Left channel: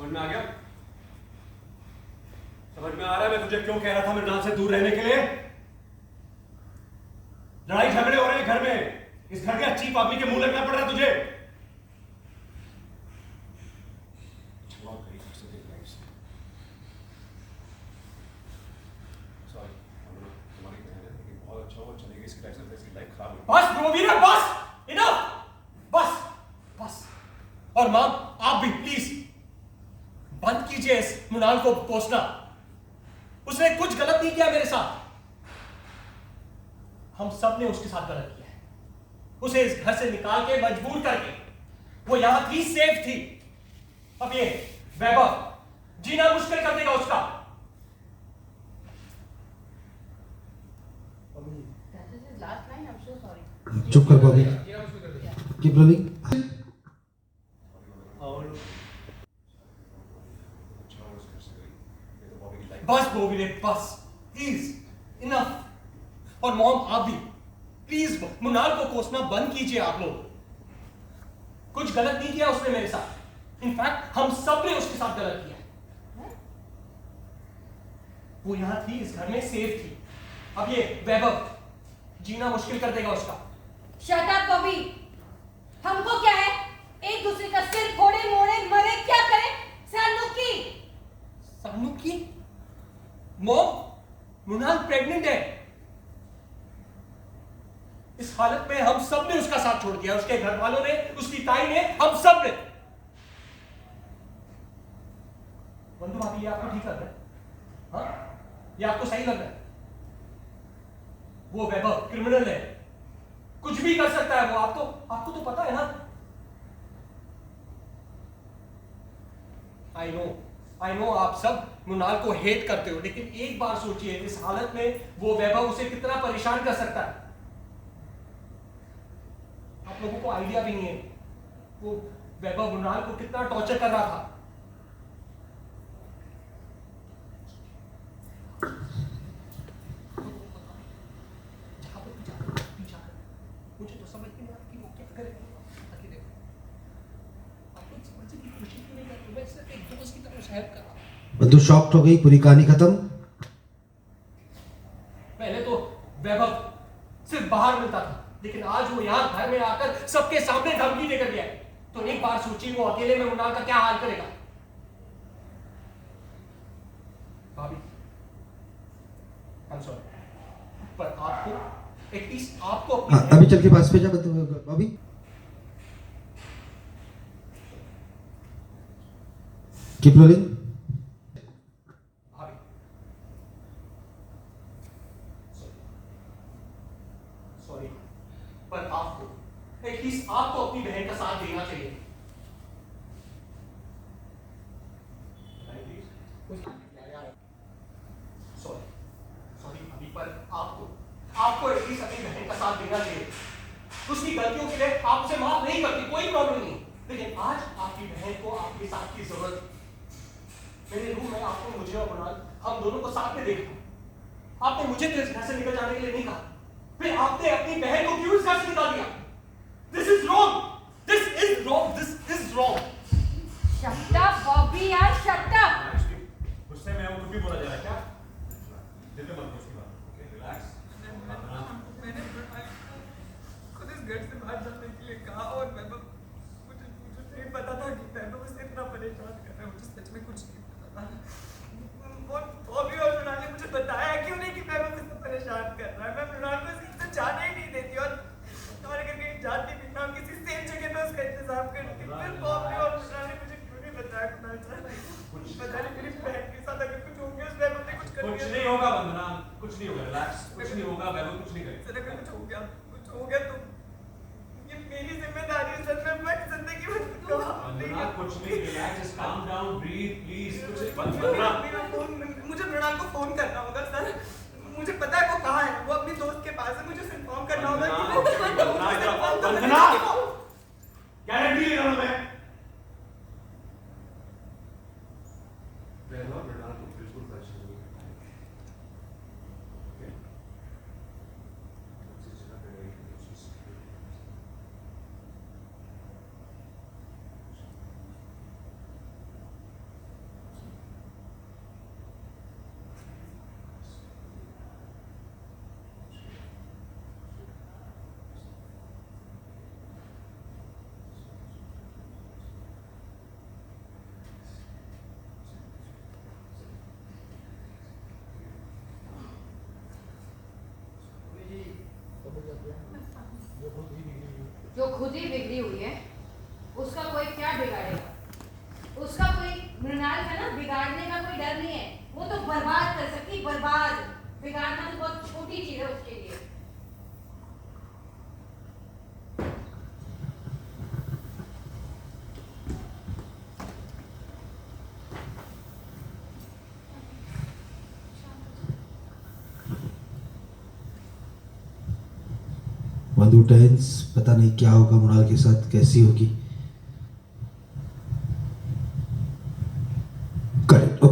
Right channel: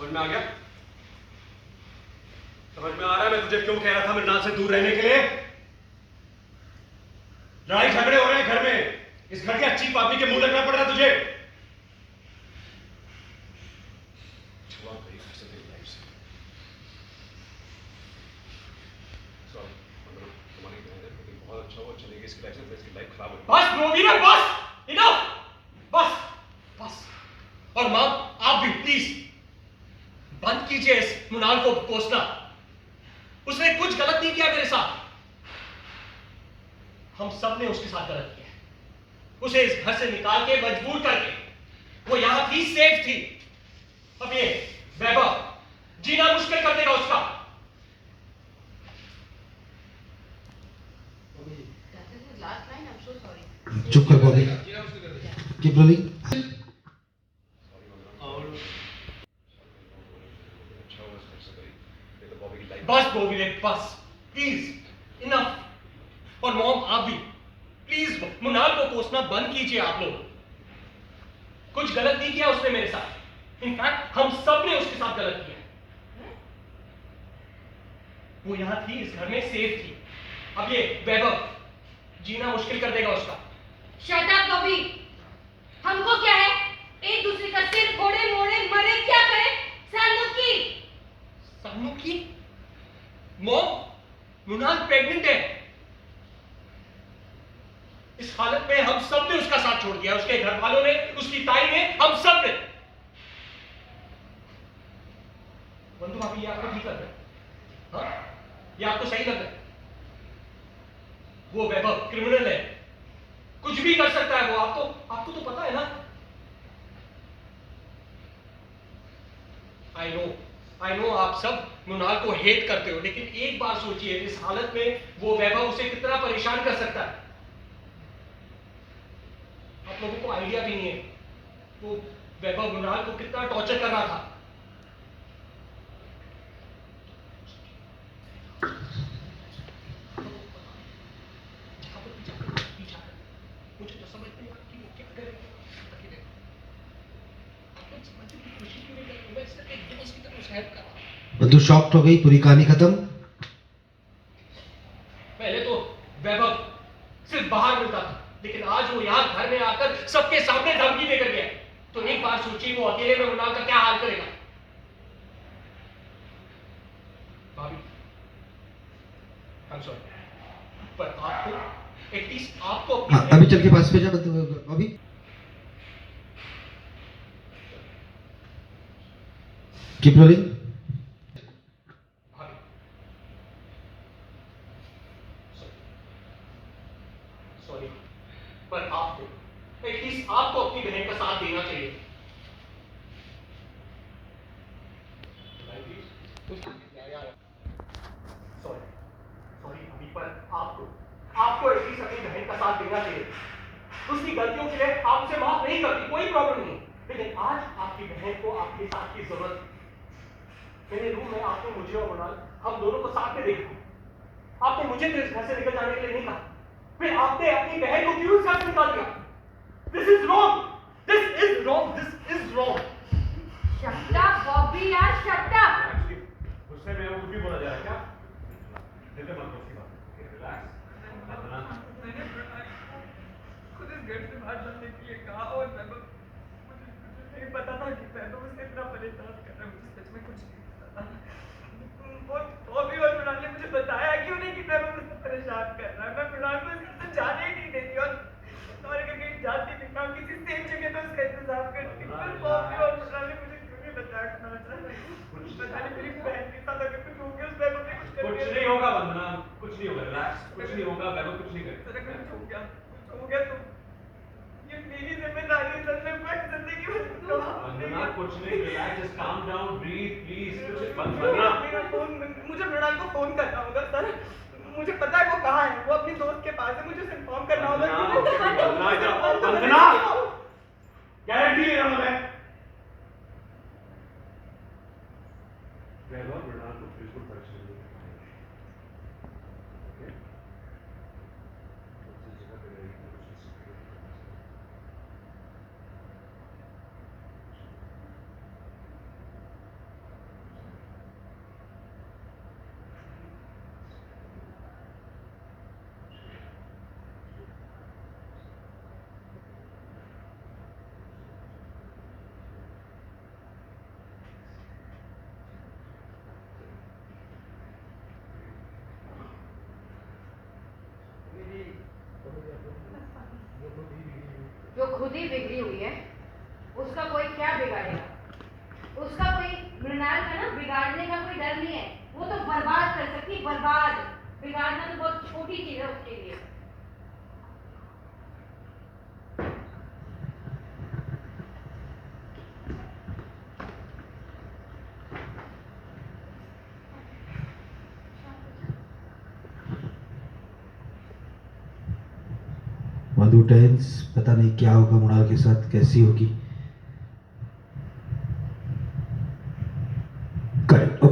समझ में आ गया? समझ में आ रहा है मैं तुझे क्यों कह रहा था मृणाल से दूर रहने के लिए? लड़ाई झगड़े हो रहे हैं घर में, इस घर के अच्छी आदमी के मुंह लगना पड़ रहा है तुझे। बहुत अच्छा हुआ चलेगी इसकी लाइफ से, इसकी लाइफ खराब हो। बस वीरा, बस, इनफ, बस बस। और मां, आप भी प्लीज बंद कीजिए इस मृणाल को कोसना। उसने कुछ गलत नहीं किया मेरे साथ। हम सब ने उसके साथ गलत किया। उसे इस घर से निकाल के मजबूर करके, वो यहां थी, सेफ थी। अब ये वैभव जीना मुश्किल कर देगा उसका। चुप कर बॉबी, कीप रोलिंग। बस बॉबी, बस प्लीज, इनफ। और मॉम, आप भी प्लीज मृणाल को कोसना बंद कीजिए। आप लोग, कुछ गलत नहीं किया उसने मेरे साथ। इनफैक्ट हम सब ने उसके साथ गलत किया। वो यहां थी, इस घर में सेफ थी। अब ये वैभव जीना मुश्किल कर देगा उसका। Shut up Bobby. हमको क्या है, एक दूसरे का सिर फोड़े मोड़े मरे क्या करे। सानू की मॉम, मृणाल प्रेग्नेंट है। इस हालत में हम सब ने उसका साथ छोड़ दिया, उसके घर वालों ने, उसकी ताई ने, हम सब ने। बंधु भाभी, ये आपको ठीक लग रहा है? हाँ, ये आपको सही लग रहा है? वो वैभव क्रिमिनल है, कुछ भी कर सकता है वो। आपको तो पता है ना। आई नो आप सब मृणाल को हेट करते हो, लेकिन एक बार सोचिए, इस हालत में वो वैभव उसे कितना परेशान कर सकता है। आप लोगों को आइडिया भी नहीं है वो वैभव मृणाल को कितना टॉर्चर कर रहा था। मुझे तो समझ नहीं आता कि वो क्या करेगा अकेले। आप लोग समझने की कोशिश क्यों नहीं कर रहे? मैं सिर्फ एक दोस्त की तरह हेल्प कर रहा हूं। बंधु शॉक्ड हो गई, पूरी कहानी खत्म। पहले तो वैभव सिर्फ बाहर मिलता था, लेकिन आज वो यहाँ घर में आकर सबके सामने धमकी देकर गया। तो एक बार सोचिए वो अकेले में मृणाल का क्या हाल करेगा। भाभी, I'm sorry, पर आपको एटलीस्ट आपको हाँ, अभी चल के पास पे जा बॉबी। Keep rolling. सॉरी, पर आपको एटलीस्ट आपको अपनी बहन का साथ देना चाहिए। सॉरी भाभी, पर आपको एटलीस्ट अपनी बहन का साथ देना चाहिए। उसकी गलतियों के लिए आप उसे माफ नहीं करती, कोई प्रॉब्लम नहीं, लेकिन आज आपकी बहन को आपके साथ की जरूरत है। मेरे रूम में आपने मुझे और मृणाल, हम दोनों को साथ में देखा। आपने मुझे तो इस घर से निकल जाने के लिए नहीं कहा, फिर आपने अपनी बहन को क्यों इस घर से निकाल दिया? This is wrong, this is wrong, this is wrong. Shut up Bobby यार, शट अप। गुस्से में वो कुछ भी बोला जा रहा है क्या? दिल में मत उसकी बात। Okay, relax. मैंने खुद इस घर से बाहर जाने के लिए कहा, और मुझे नहीं पता था कि वैभव मुझसे इतना परेशान कर रहा है। मुझे सच में कुछ नहीं पता था। बॉबी और मृणाल ने मुझे बताया क्यों नहीं कि वैभव मुझसे परेशान कर रहा है। मैं मृणाल को इस घर से जाने ही नहीं देती, और अगर कहीं जाती भी मैं किसी सेफ जगह पे उसका इंतजाम करती। फिर बॉबी और मृणाल ने मुझे क्यों नहीं बताया? पता नहीं मेरी बहन के साथ अगर कुछ हो गया, उस वैभव ने कुछ कर दिया। कुछ नहीं होगा वंदना, कुछ नहीं होगा, रिलैक्स। कुछ नहीं होगा, वैभव कुछ नहीं करेगा। सर अगर कुछ हो गया तो ये मेरी जिम्मेदारी है सर। मैं जिंदगी में वंदना कुछ नहीं, relax, just calm down, breathe please. कुछ वंदना, मेरा फोन, मुझे मृणाल को फोन करना होगा सर। मुझे पता है वो कहाँ है, वो अपनी दोस्त के पास है। मुझे उसे इन्फॉर्म करना होगा कि वंदना, गारंटी ले रहा हूं मैं। वैभव मृणाल को बिल्कुल परेशान नहीं करेगा। ओके, उसी जगह पे रहेगी, उसी से खुद ही बिगड़ी हुई है, उसका कोई क्या बिगाड़ेगा? उसका कोई मृणाल का ना बिगाड़ने का कोई डर नहीं है, वो तो बर्बाद कर सकती, बर्बाद। बिगाड़ना तो बहुत छोटी चीज है उसके लिए। मधु टेंस, पता नहीं क्या होगा मृणाल के साथ, कैसी होगी।